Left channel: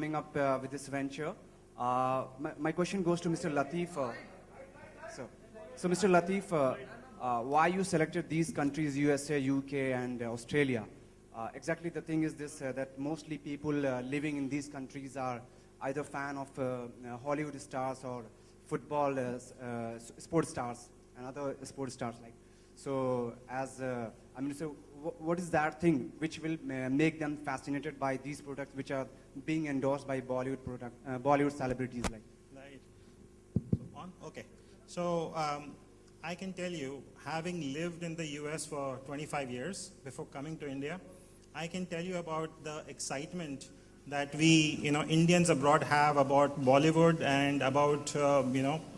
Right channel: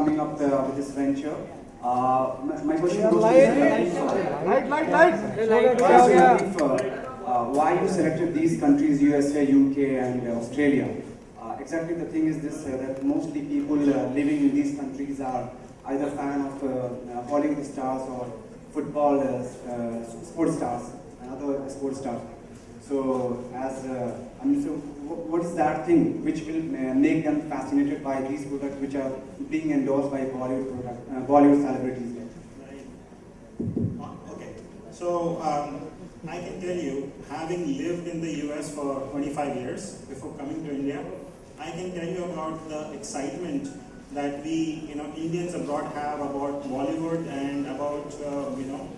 coming up with this venture. My question goes to why you selected these countries, USA, UK, and Australia? Exactly the thing is this, that mostly people living in these countries are either fan of Hollywood stars or football sports stars, another sports stars. So, what is that thing which will make them fascinated by these products which are being endorsed by Bollywood celebrities? Okay, so I can tell you, having lived in the US for 25 years before coming to India, I can tell you about the excitement that we, Indians abroad have about Bollywood and about,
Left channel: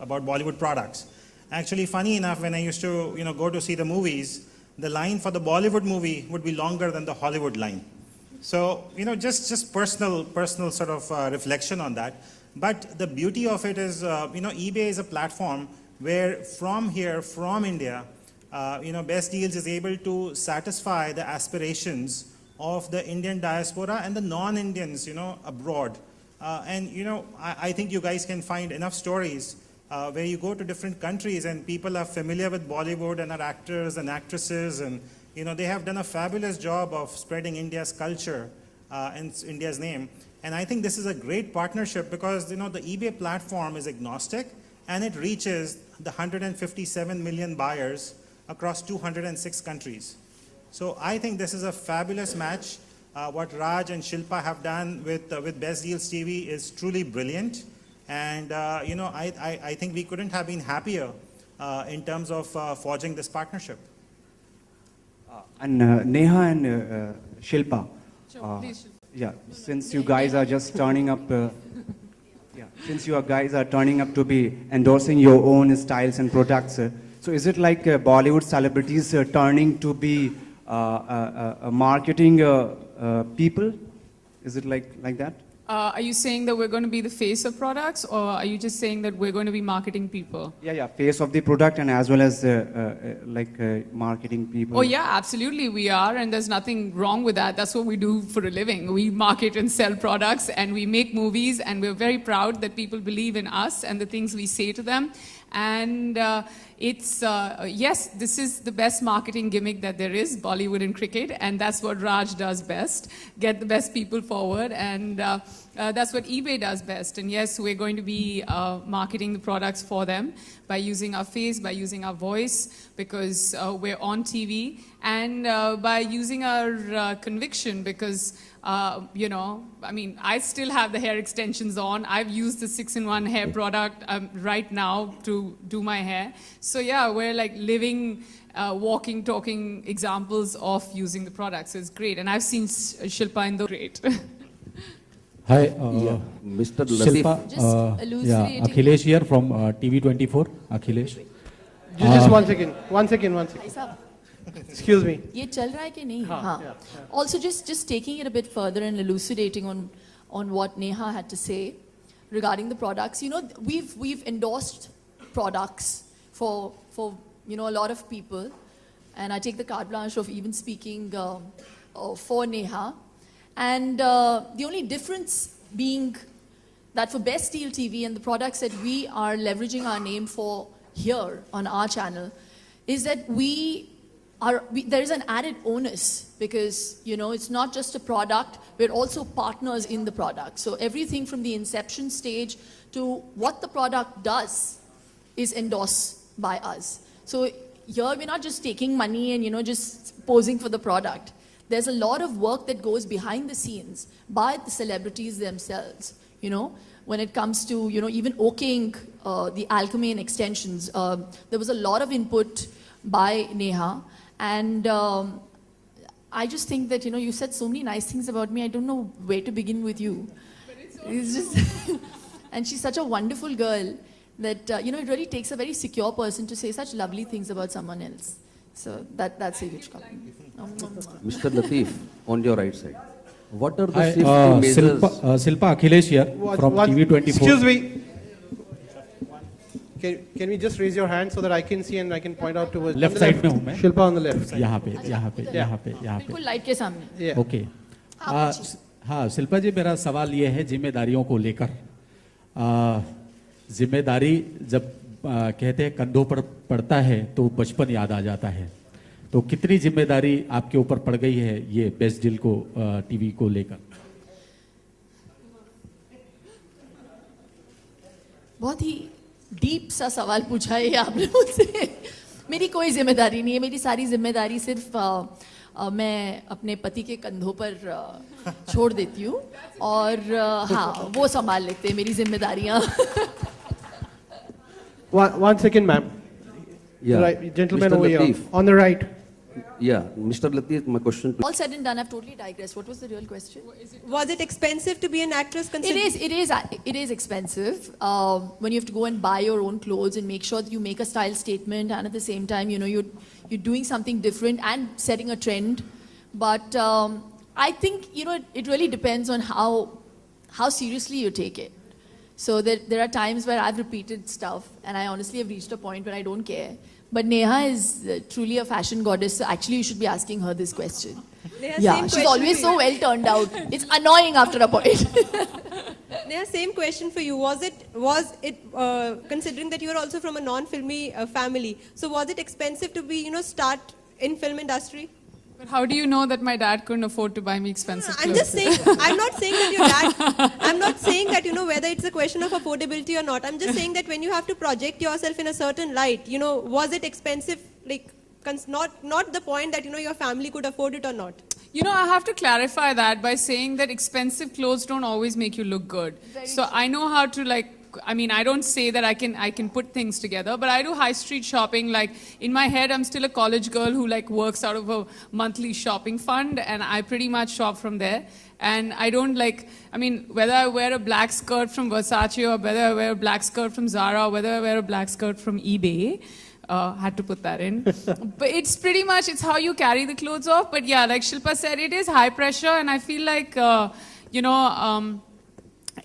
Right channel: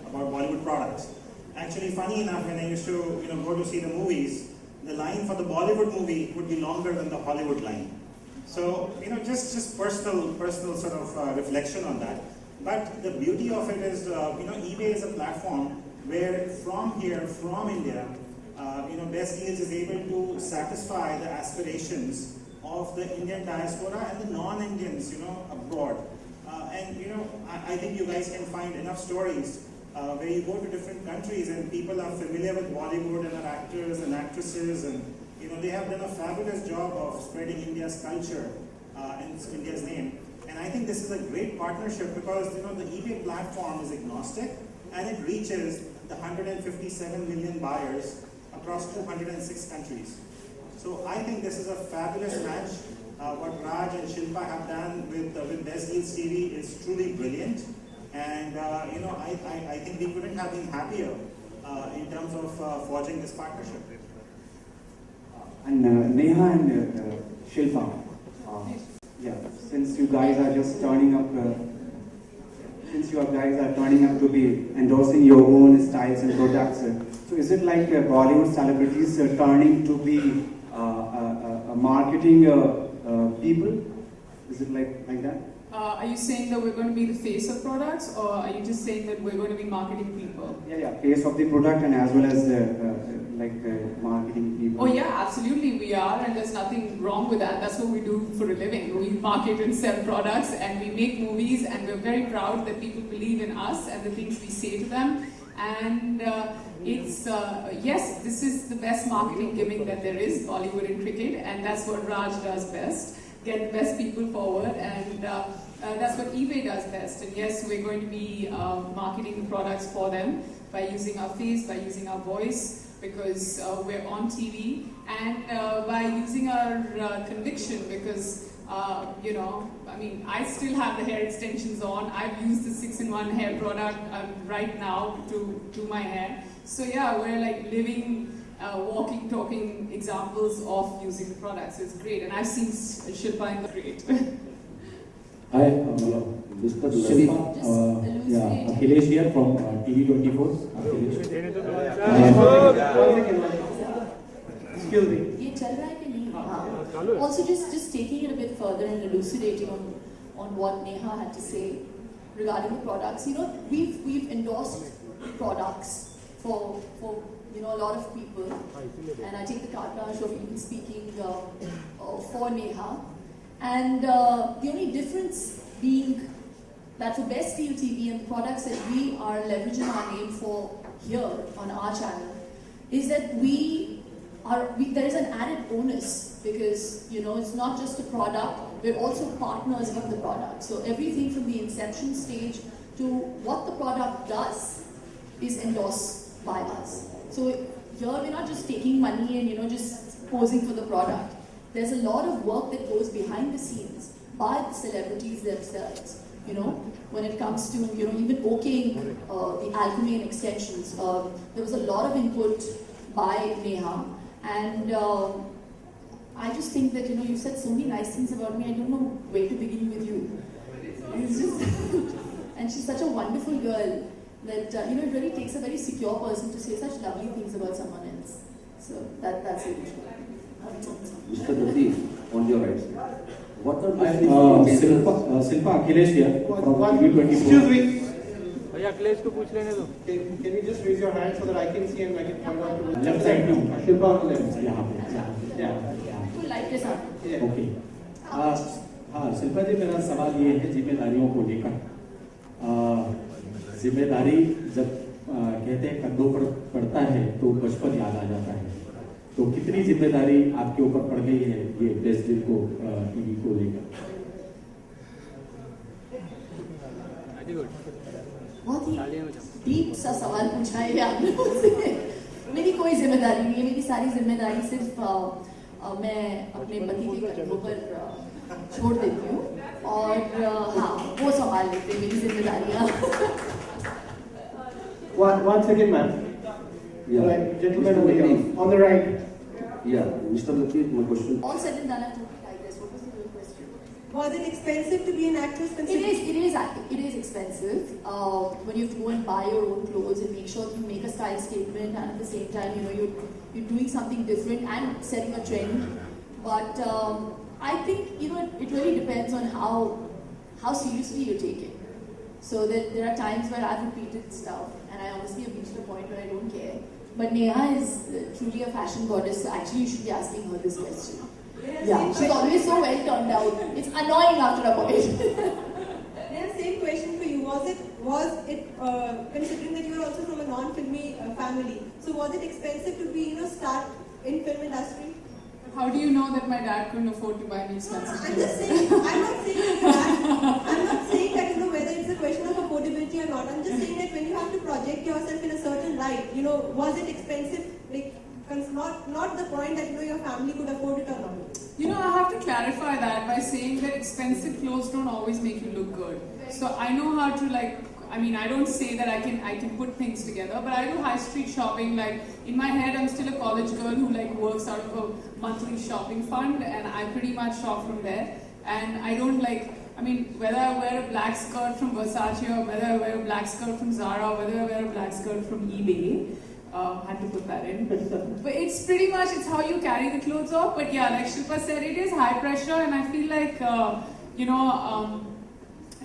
about Bollywood products. Actually, funny enough, when I used to, go to see the movies, the line for the Bollywood movie would be longer than the Hollywood line. So, just personal sort of reflection on that. But the beauty of it is, eBay is a platform where from here, from India, Best Deals is able to satisfy the aspirations of the Indian diaspora and the non-Indians, abroad. I think you guys can find enough stories where you go to different countries and people are familiar with Bollywood and are actors and actresses, and they have done a fabulous job of spreading India's culture and India's name. And I think this is a great partnership because the eBay platform is agnostic and it reaches the 157 million buyers across 206 countries. So I think this is a fabulous match. What Raj and Shilpa have done with Best Deals TV is truly brilliant. And I think we couldn't have been happier in terms of forging this partnership. And Neha and Shilpa, since you guys are just turning up, since you guys are turning up to be endorsing your own styles and products, so is it like Bollywood celebrities turning to be marketing people? Is it like that? Are you saying that we're going to be the face of products, or are you just saying that we're going to be marketing people? Yeah, face of the product and as well as marketing people. Oh yeah, absolutely we are, and there's nothing wrong with that. That's what we do for a living. We market and sell products, and we make movies, and we're very proud that people believe in us and the things we say to them. And yes, this is the best marketing gimmick that there is, Bollywood and cricket, and that's what Raj does best. Get the best people forward, and that's what eBay does best. And yes, we're going to be marketing the products for them by using our face, by using our voice, because we're on TV, and by using our conviction, because I still have the hair extensions on. I've used the 6-in-1 hair product right now to do my hair. So yeah, we're like living walking, talking examples of using the products. So it's great. And I've seen Shilpa in the great. Hi, Mr. Shilpa. Akhilesh here from TV24. Akhilesh. Just one second. Excuse me. ये चल रहा है कि नहीं? हाँ. Also, just taking it a bit further and elucidating on what Neha had to say regarding the products. We've endorsed products for a lot of people, and I take the carte blanche of even speaking for Neha. And the only difference being that for Best Deal TV and the products that we are leveraging our name for here on our channel is that there is an added onus, because it's not just a product, we're also partners in the product. So everything from the inception stage to what the product does is endorsed by us. So here we're not just taking money and just posing for the product. There's a lot of work that goes behind the scenes by the celebrities themselves. When it comes to even okaying the Alchemy extensions, there was a lot of input by Neha. And I just think that, you said so many nice things about me, I don't know where to begin with you. It's just and she's such a wonderful girl that, it really takes a very secure person to say such lovely things about someone else. So that's a huge compliment. Mr. Latif, on your right side. What are the Shilpa Akhilesh here from TV24. Excuse me. Can you just raise your hand so that I can see and I can point out towards left side में Shilpa on the left. यहाँ पे बिल्कुल light के सामने. Yeah. Okay. हाँ शिल्पा जी, मेरा सवाल ये है जिम्मेदारियों को लेकर। जिम्मेदारी जब कहते हैं कंधों पर पड़ता है तो बचपन याद आ जाता है, तो कितनी जिम्मेदारी आपके ऊपर पड़ गई है ये बेस्ट डील को टीवी को लेकर? बहुत ही डीप सा सवाल पूछा है आपने मुझसे। मेरी कोई जिम्मेदारी नहीं है, मेरी सारी जिम्मेदारी सिर्फ मैं अपने पति के कंधों पर छोड़ देती हूँ और हाँ वो संभाल लेते हैं मेरी जिम्मेदारियाँ। One second, ma'am. Yeah. Right, gentleman Mr. over here, Lateef. on the right. Yeah, Mr. Lateef, my question. All said and done, I've totally digressed. What was the real question? Was it expensive to be an actress? It is expensive when you have to go and buy your own clothes and make sure that you make a style statement, and at the same time, you know, you're doing something different and setting a trend. But I think, you know, it really depends on how seriously you take it. So there are times where I've repeated stuff and I honestly have reached a point where I don't care. But Neha is truly a fashion goddess, so actually you should be asking her this question. Yeah, she's always so well turned out. It's annoying after a point. Neha, same question for you. Was it considering that you're also from a non-filmy family, so was it expensive to be, you know, start in film industry? How do you know that my dad couldn't afford to buy me expensive I'm clothes? just saying, I'm not saying that your dad, I'm not saying that, you know, whether it's a question of affordability or not. I'm just saying that when you have to project yourself in a certain light, you know, was it expensive? Like, not the point that, you know, your family could afford it or not. You know, I have to clarify that by saying that expensive clothes don't always make you look good. So I know how to I don't say that I can put things together, but I do high street shopping. Like in my head, I'm still a college girl who works out of a monthly shopping fund, and I pretty much shop from there. And I don't whether I wear a black skirt from Versace or whether I wear a black skirt from Zara or whether I wear a black skirt from eBay. Had to put that in. But it's pretty much, it's how you carry the clothes off. But yeah, like Shilpa said, it is high pressure, and I feel like,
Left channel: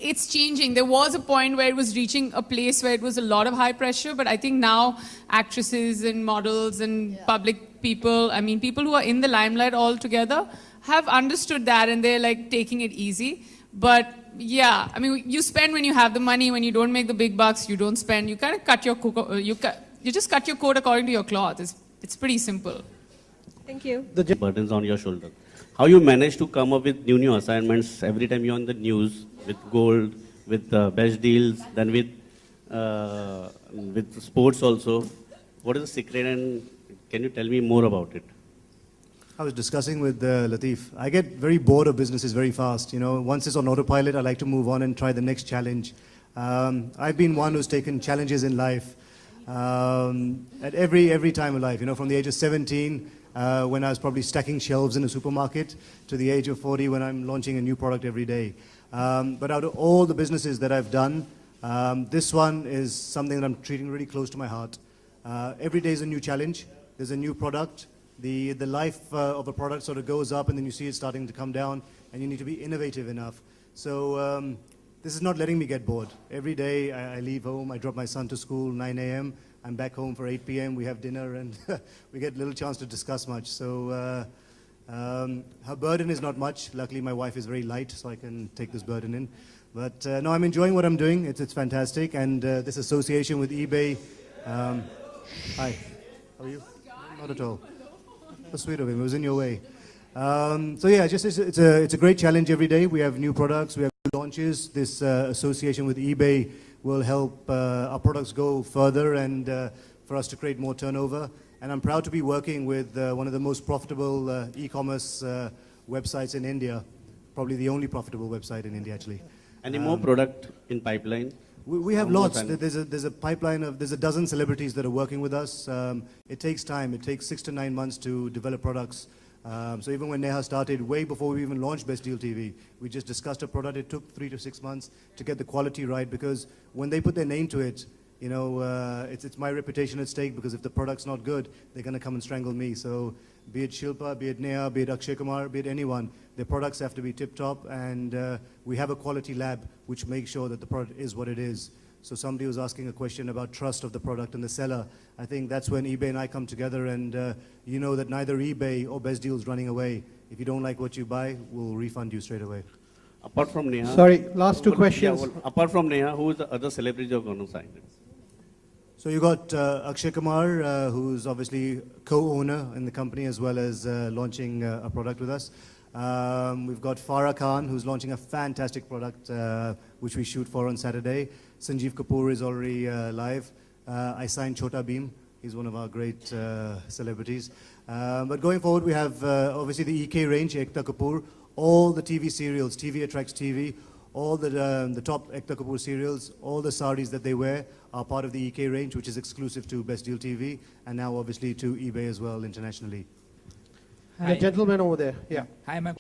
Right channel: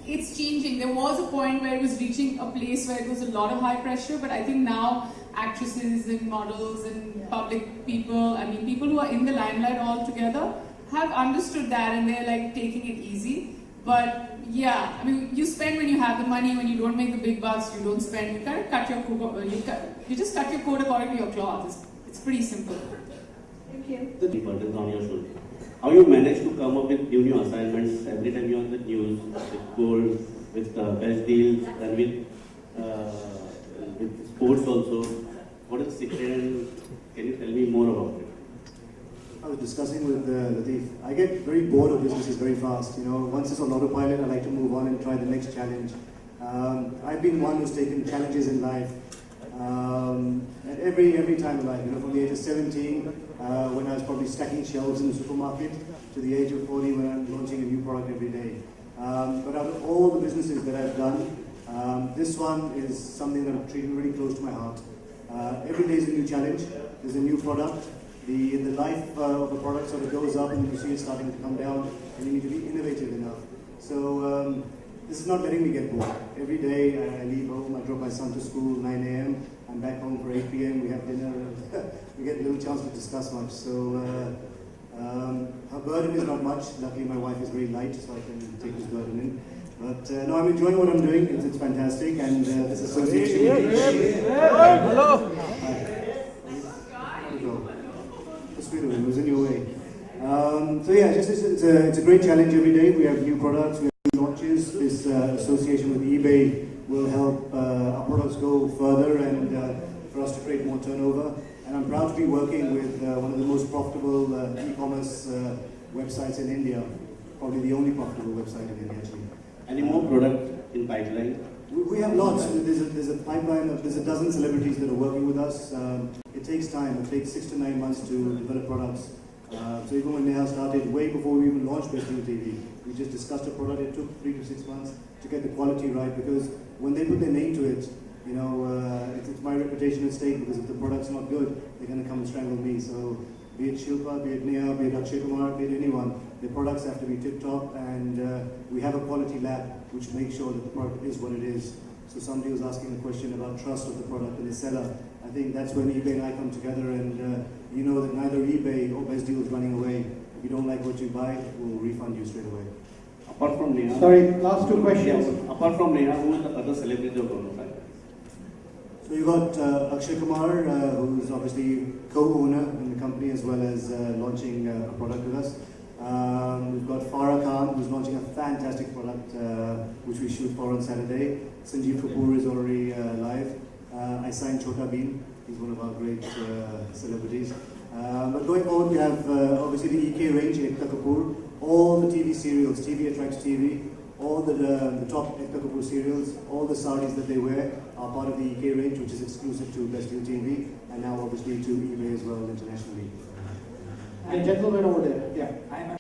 it's changing. There was a point where it was reaching a place where it was a lot of high pressure, but I think now actresses and models and public people, people who are in the limelight altogether have understood that, and they're taking it easy. But yeah, you spend when you have the money. When you don't make the big bucks, you don't spend. You kind of cut your you just cut your coat according to your cloth. It's pretty simple. Thank you. The burdens on your shoulder. How you manage to come up with new assignments every time you're on the news with gold, with best deals, then with sports also. What is the secret, and can you tell me more about it? I was discussing with Lateef. I get very bored of businesses very fast. You know, once it's on autopilot, I like to move on and try the next challenge. I've been one who's taken challenges in life at every time in life. You know, from the age of 17, when I was probably stacking shelves in a supermarket, to the age of 40 when I'm launching a new product every day. But out of all the businesses that I've done, this one is something that I'm treating really close to my heart. Every day is a new challenge. There's a new product. The life of a product sort of goes up and then you see it starting to come down, and you need to be innovative enough. So this is not letting me get bored. Every day I leave home, I drop my son to school 9 a.m. I'm back home for 8 p.m. We have dinner and we get little chance to discuss much. So her burden is not much. Luckily my wife is very light, so I can take this burden in. But no, I'm enjoying what I'm doing. It's fantastic, and this association with eBay. Hello. Hi. Not at all. So sweet of it. It was in your way. So yeah, it's a great challenge every day. We have new products. We have new launches. This association with eBay will help our products go further and for us to create more turnover. And I'm proud to be working with one of the most profitable e-commerce websites in India. Probably the only profitable website in India, actually. Any more product in pipeline? We have lots. There's a pipeline of, there's a dozen celebrities that are working with us. It takes time. It takes 6 to 9 months to develop products. So even when Neha started, way before we even launched Best Deal TV, we just discussed a product. It took 3 to 6 months to get the quality right, because when they put their name to it, you know, it's my reputation at stake, because if the product's not good, they're going to come and strangle me. So be it Shilpa, be it Neha, be it Akshay Kumar, be it anyone, their products have to be tip-top, and we have a quality lab which makes sure that the product is what it is. So somebody was asking a question about trust of the product and the seller. I think that's when eBay and I come together, and you know that neither eBay or Best Deal is running away. If you don't like what you buy, we'll refund you straight away. Apart from Neha. Sorry, last two Yeah, questions. but apart from Neha, who is the other celebrity you're going to sign? So you got Akshay Kumar, who's obviously co-owner in the company as well as launching a product with us. We've got Farah Khan, who's launching a fantastic product which we shoot for on Saturday. Sanjeev Kapoor is already live. I signed Chhota Bheem. He's one of our great celebrities. But going forward, we have obviously the EK range, Ekta Kapoor, all the TV serials, TV Attracts TV, all the top Ekta Kapoor serials, all the saris that they wear are part of the EK range, which is exclusive to Best Deal TV, and now obviously to eBay as well internationally. The gentleman over there, yeah. Hi, ma'am.